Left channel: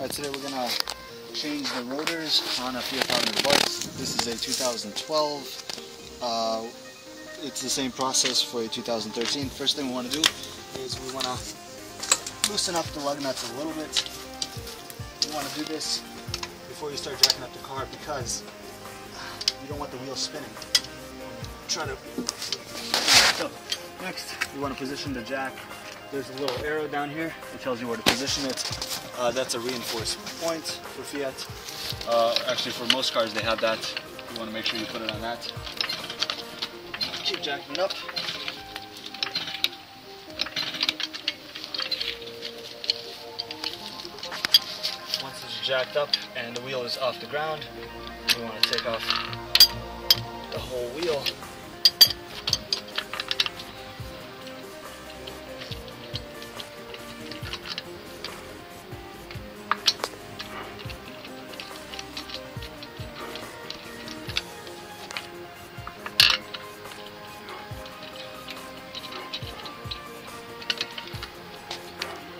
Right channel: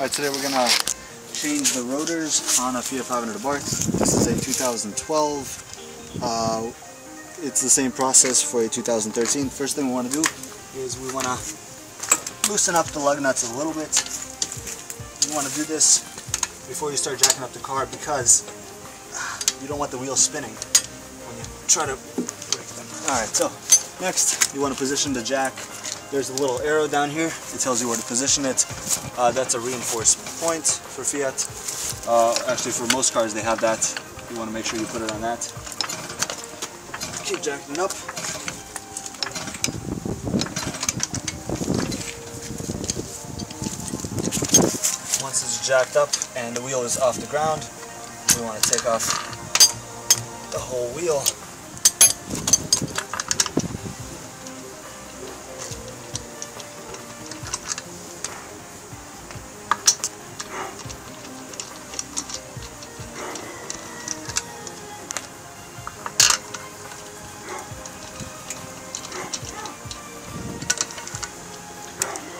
Alright, today we're gonna change the rotors on a Fiat Abarth. This is a 2012. It's the same process for a 2013. First thing we want to do is we want to loosen up the lug nuts a little bit. You want to do this before you start jacking up the car because you don't want the wheels spinning when you try to break them. Alright, so next you want to position the jack. There's a little arrow down here. It tells you where to position it. That's a reinforced point for Fiat. Actually, for most cars they have that. You want to make sure you put it on that. Keep jacking up. Once it's jacked up and the wheel is off the ground, we want to take off the whole wheel.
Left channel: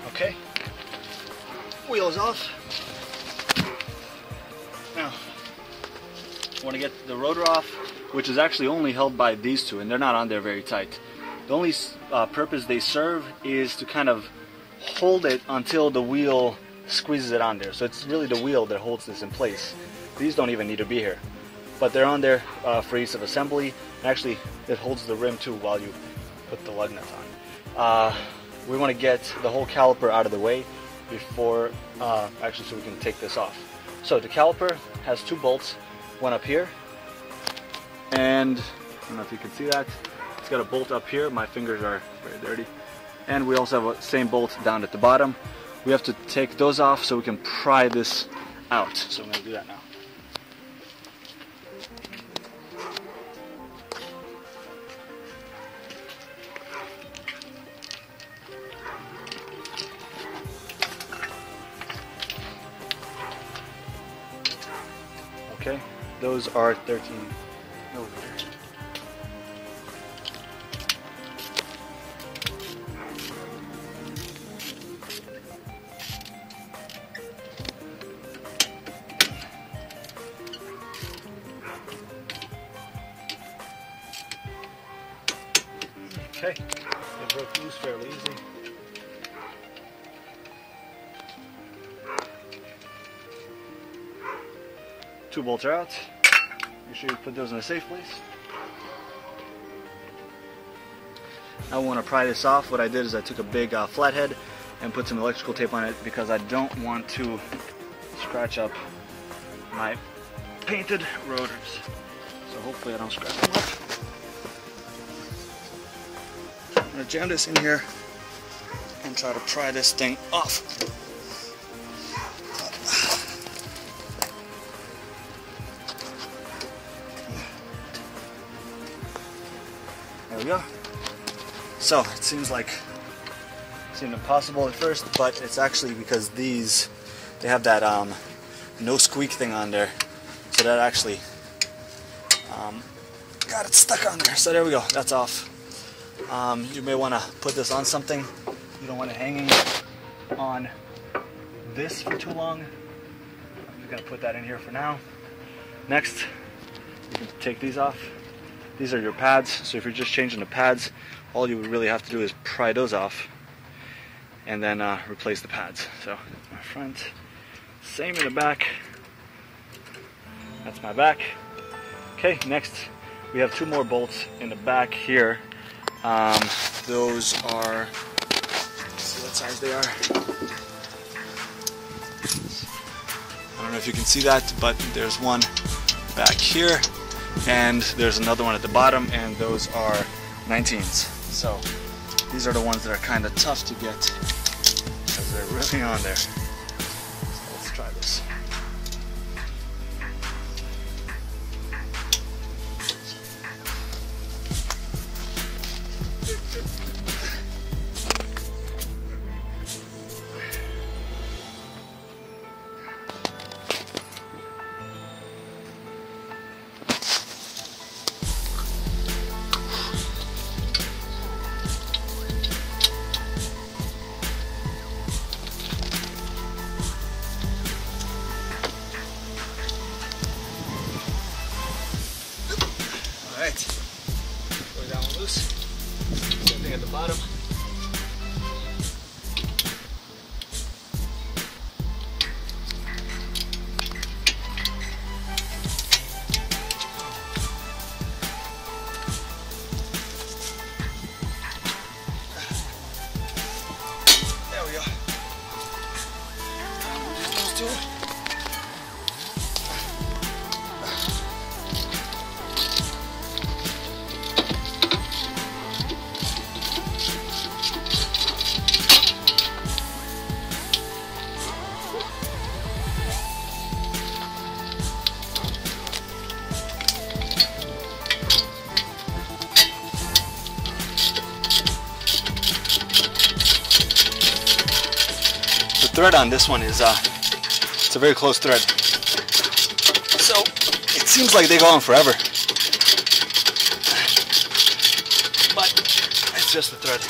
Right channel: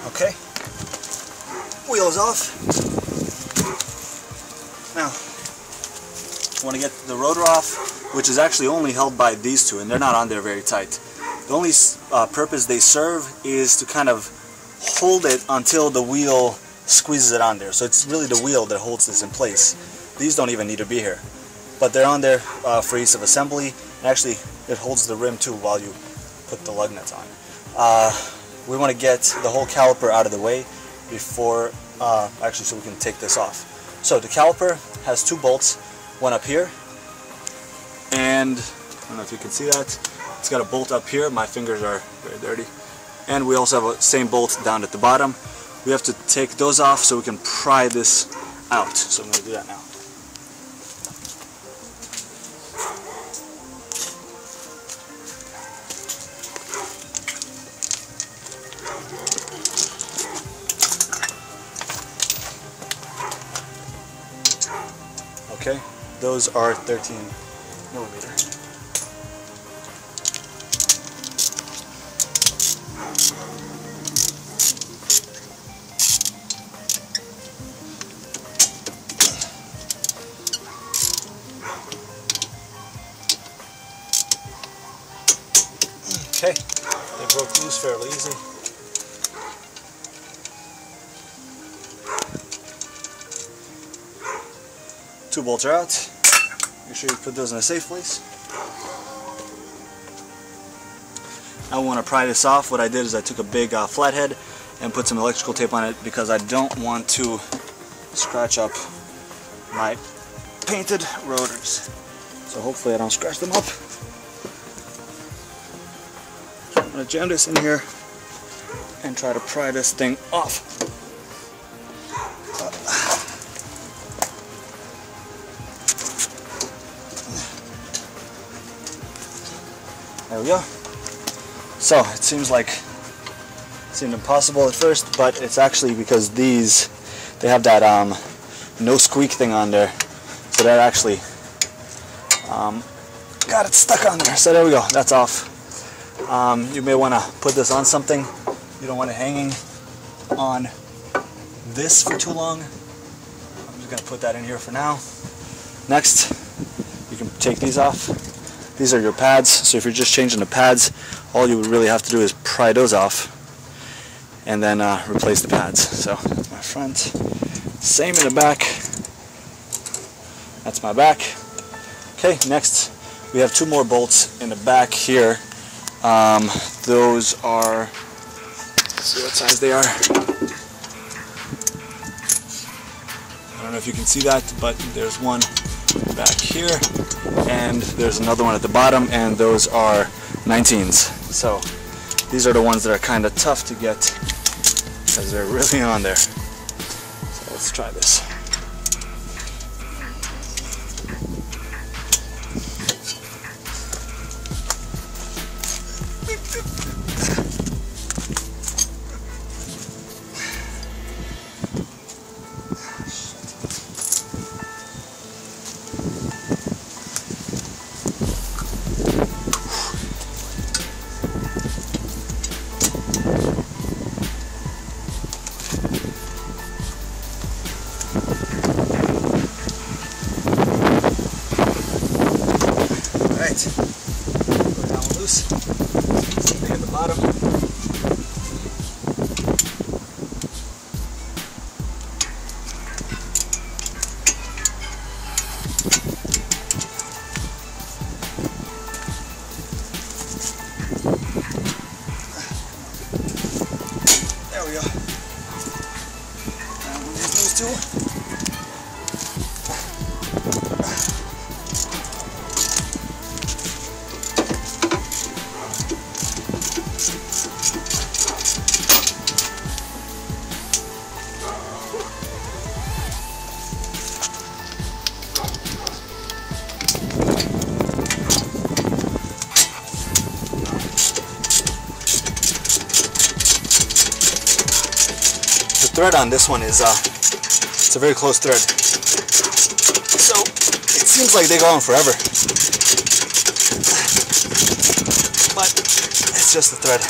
Okay, wheel is off. Now, I want to get the rotor off, which is actually only held by these two, and they're not on there very tight. The only purpose they serve is to kind of hold it until the wheel squeezes it on there. So it's really the wheel that holds this in place. These don't even need to be here, but they're on there for ease of assembly. And actually, it holds the rim too while you put the lug nuts on. We want to get the whole caliper out of the way before, actually, so we can take this off. So the caliper has two bolts, one up here, and I don't know if you can see that. It's got a bolt up here. My fingers are very dirty. And we also have a same bolt down at the bottom. We have to take those off so we can pry this out. So I'm going to do that now. Okay, those are 13 millimeters. Okay, they broke loose fairly easy. Two bolts are out. Make sure you put those in a safe place. Now we want to pry this off. What I did is I took a big flathead and put some electrical tape on it because I don't want to scratch up my painted rotors. So hopefully I don't scratch them up. I'm going to jam this in here and try to pry this thing off. There we go. So it seems impossible at first, but it's actually because they have that no squeak thing on there, so that actually got it stuck on there. So there we go. That's off. You may want to put this on something. You don't want it hanging on this for too long. I'm just going to put that in here for now. Next, you can take these off. These are your pads, so if you're just changing the pads, all you would really have to do is pry those off and then replace the pads. So that's my front. Same in the back. That's my back. Okay, next we have two more bolts in the back here. Those are, let's see what size they are. I don't know if you can see that, but there's one back here, and there's another one at the bottom, and those are 19s. So these are the ones that are kind of tough to get because they're really on there. So let's try this. too. The thread on this one is it's a very close thread, so it seems like they go on forever, but it's just the thread.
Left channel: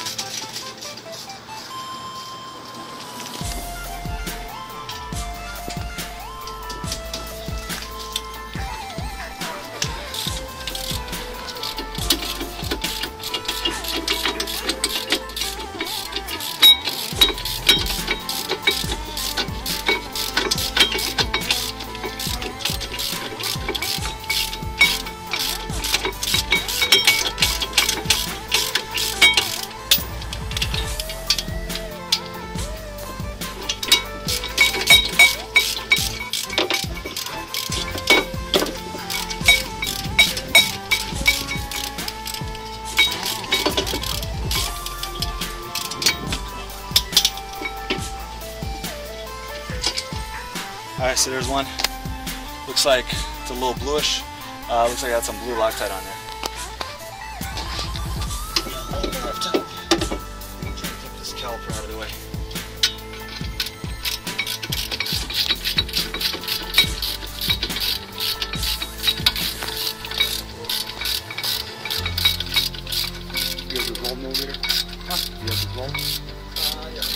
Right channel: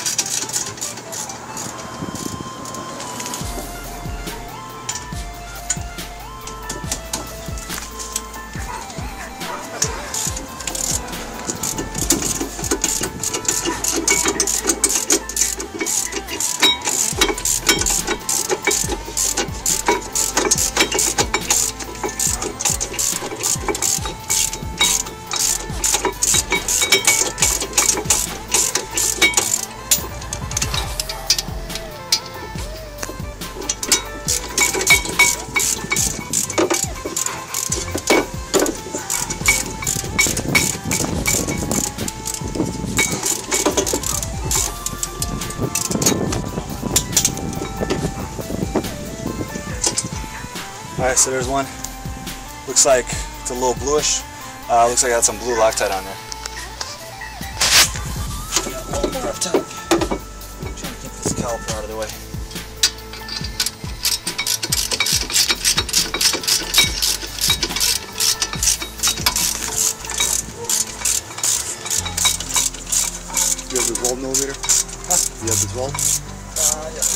Alright, so there's one. Looks like it's a little bluish. Looks like I got some blue Loctite on there. I don't have time. I'm trying to get this caliper out of the way. You have the 12mm? Huh? You have the 12? Yeah.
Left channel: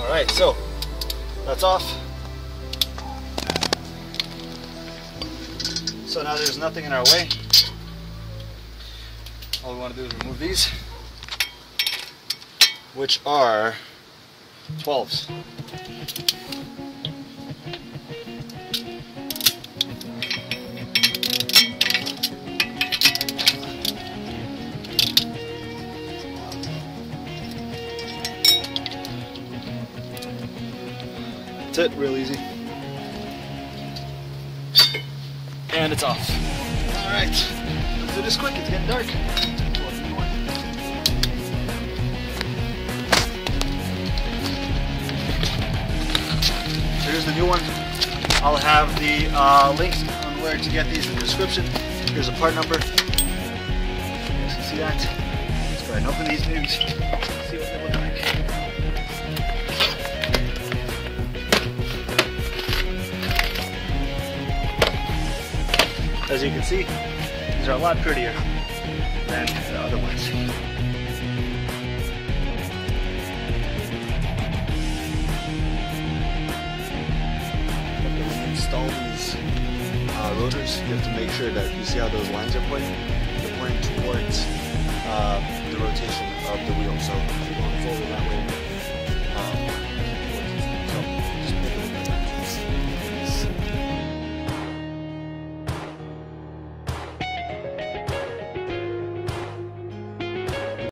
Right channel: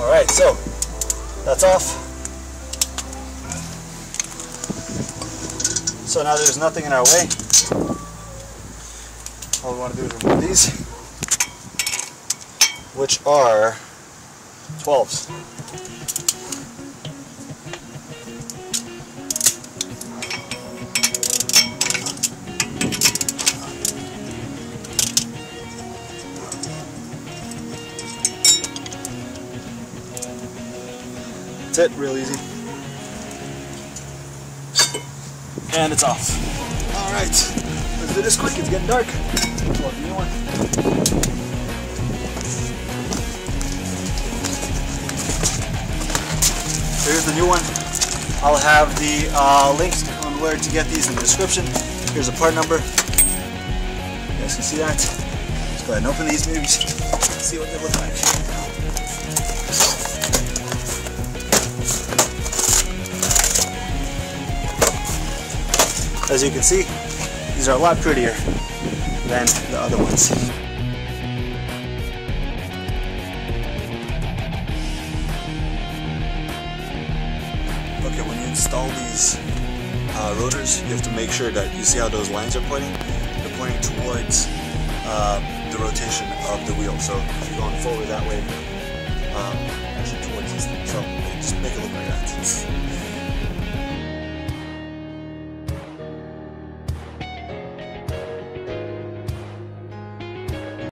Alright, so that's off. So now there's nothing in our way. All we want to do is remove these, which are 12s. That's it, real easy. And it's off. Alright, let's do this quick, it's getting dark. Here's the new one. I'll have the links on where to get these in the description. Here's a part number. You guys can see that. Let's go ahead and open these maybe. See what they look like. As you can see, these are a lot prettier than the other ones. Okay, when you install these rotors, you have to make sure that you see how those lines are pointing? They're pointing towards the rotation of the wheel. So if you're going forward that way,